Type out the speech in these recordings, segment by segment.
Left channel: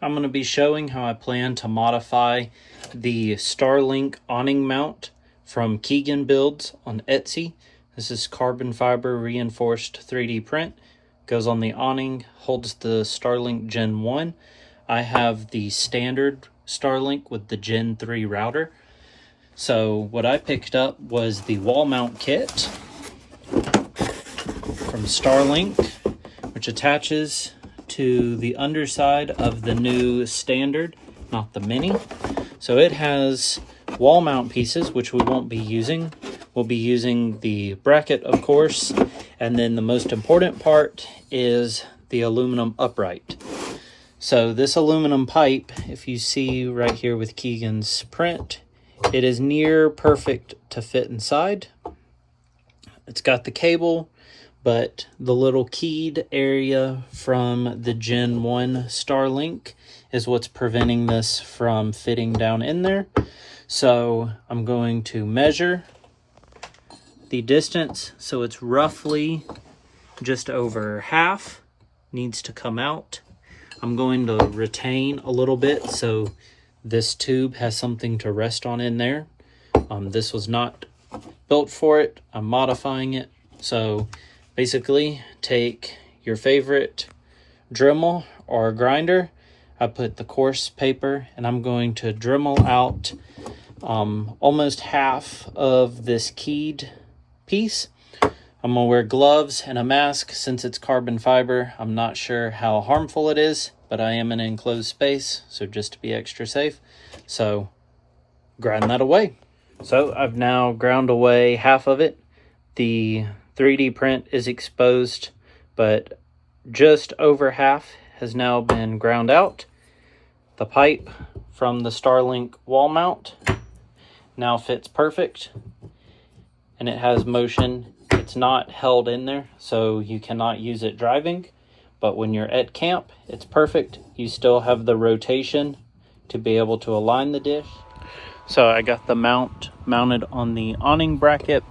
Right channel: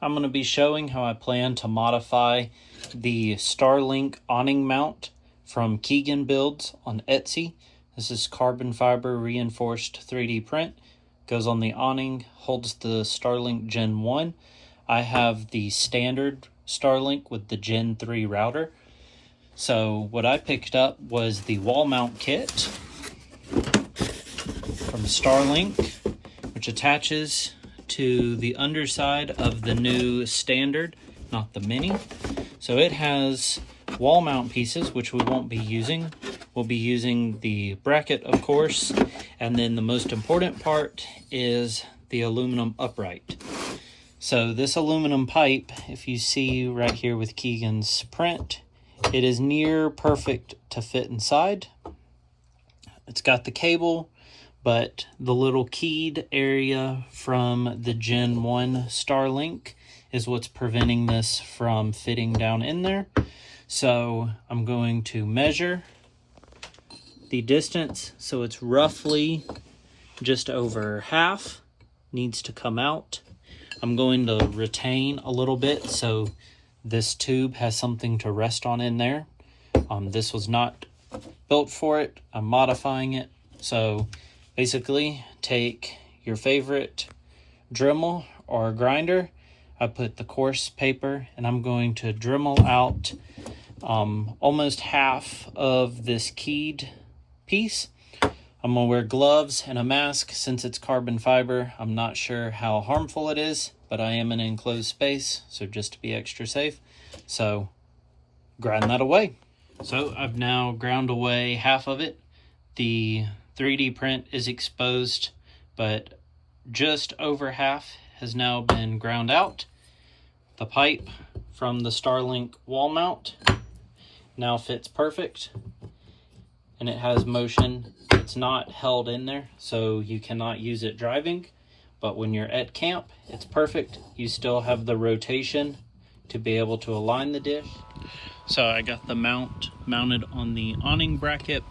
I'm going to be showing how I plan to modify the Starlink awning mount from KeeganBuilds on Etsy. This is carbon fiber reinforced 3D print. Goes on the awning, holds the Starlink Gen 1. I have the standard Starlink with the Gen 3 router. So what I picked up was the wall mount kit from Starlink, which attaches to the underside of the new standard, not the mini. So it has wall mount pieces, which we won't be using. We'll be using the bracket, of course, and then the most important part is the aluminum upright. So this aluminum pipe, if you see right here with Keegan's print, it is near perfect to fit inside. It's got the cable, but the little keyed area from the Gen 1 Starlink is what's preventing this from fitting down in there. So I'm going to measure the distance, so it's roughly just over half needs to come out. I'm going to retain a little bit so this tube has something to rest on in there. This was not built for it. I'm modifying it. So basically, take your favorite dremel or grinder. I put the coarse paper and I'm going to dremel out almost half of this keyed piece. I'm gonna wear gloves and a mask since it's carbon fiber. I'm not sure how harmful it is, but I am in an enclosed space, so just to be extra safe. So grind that away. So I've now ground away half of it. The 3D print is exposed, but just over half has now been ground out. The pipe from the Starlink wall mount now fits perfect, and it has motion. It's not held in there, so you cannot use it driving, but when you're at camp, it's perfect. You still have the rotation to be able to align the dish. So I got the mount mounted on the awning bracket.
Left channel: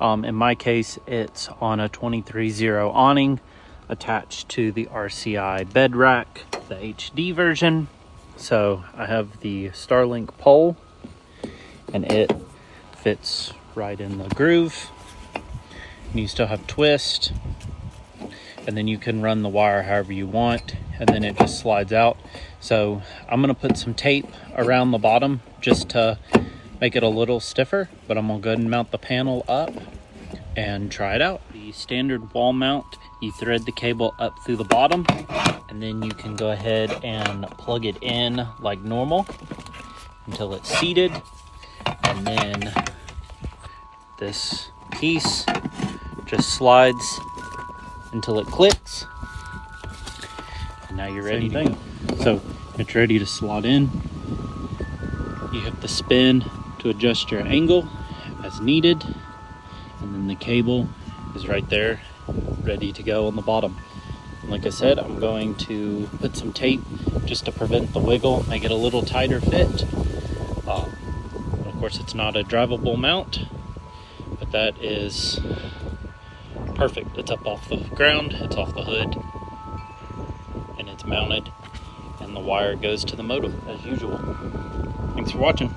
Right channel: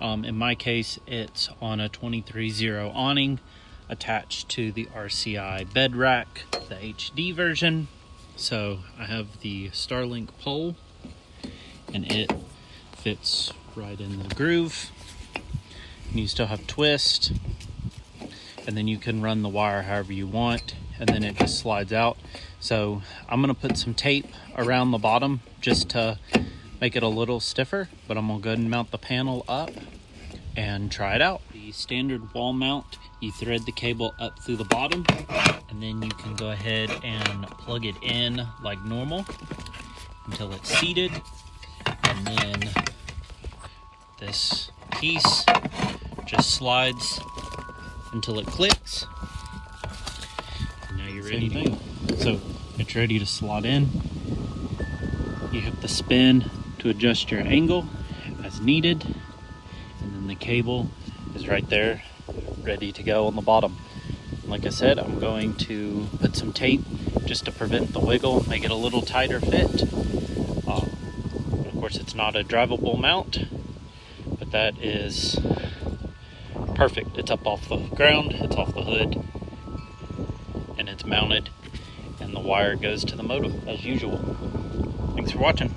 In my case, it's on a 23-0 awning attached to the RCI bed rack, the HD version. So I have the Starlink pole, and it fits right in the groove. And you still have twist, and then you can run the wire however you want, and then it just slides out. So I'm gonna put some tape around the bottom just to make it a little stiffer, but I'm gonna go ahead and mount the panel up and try it out. The standard wall mount, you thread the cable up through the bottom, and then you can go ahead and plug it in like normal until it's seated, and then this piece just slides until it clicks, and now you're ready to go. So it's ready to slot in. You have the spin to adjust your angle as needed, and then the cable is right there ready to go on the bottom. And like I said, I'm going to put some tape just to prevent the wiggle, make it a little tighter fit. But of course, it's not a drivable mount, but that is perfect. It's up off the ground, it's off the hood, and it's mounted, and the wire goes to the motor as usual. Thanks for watching.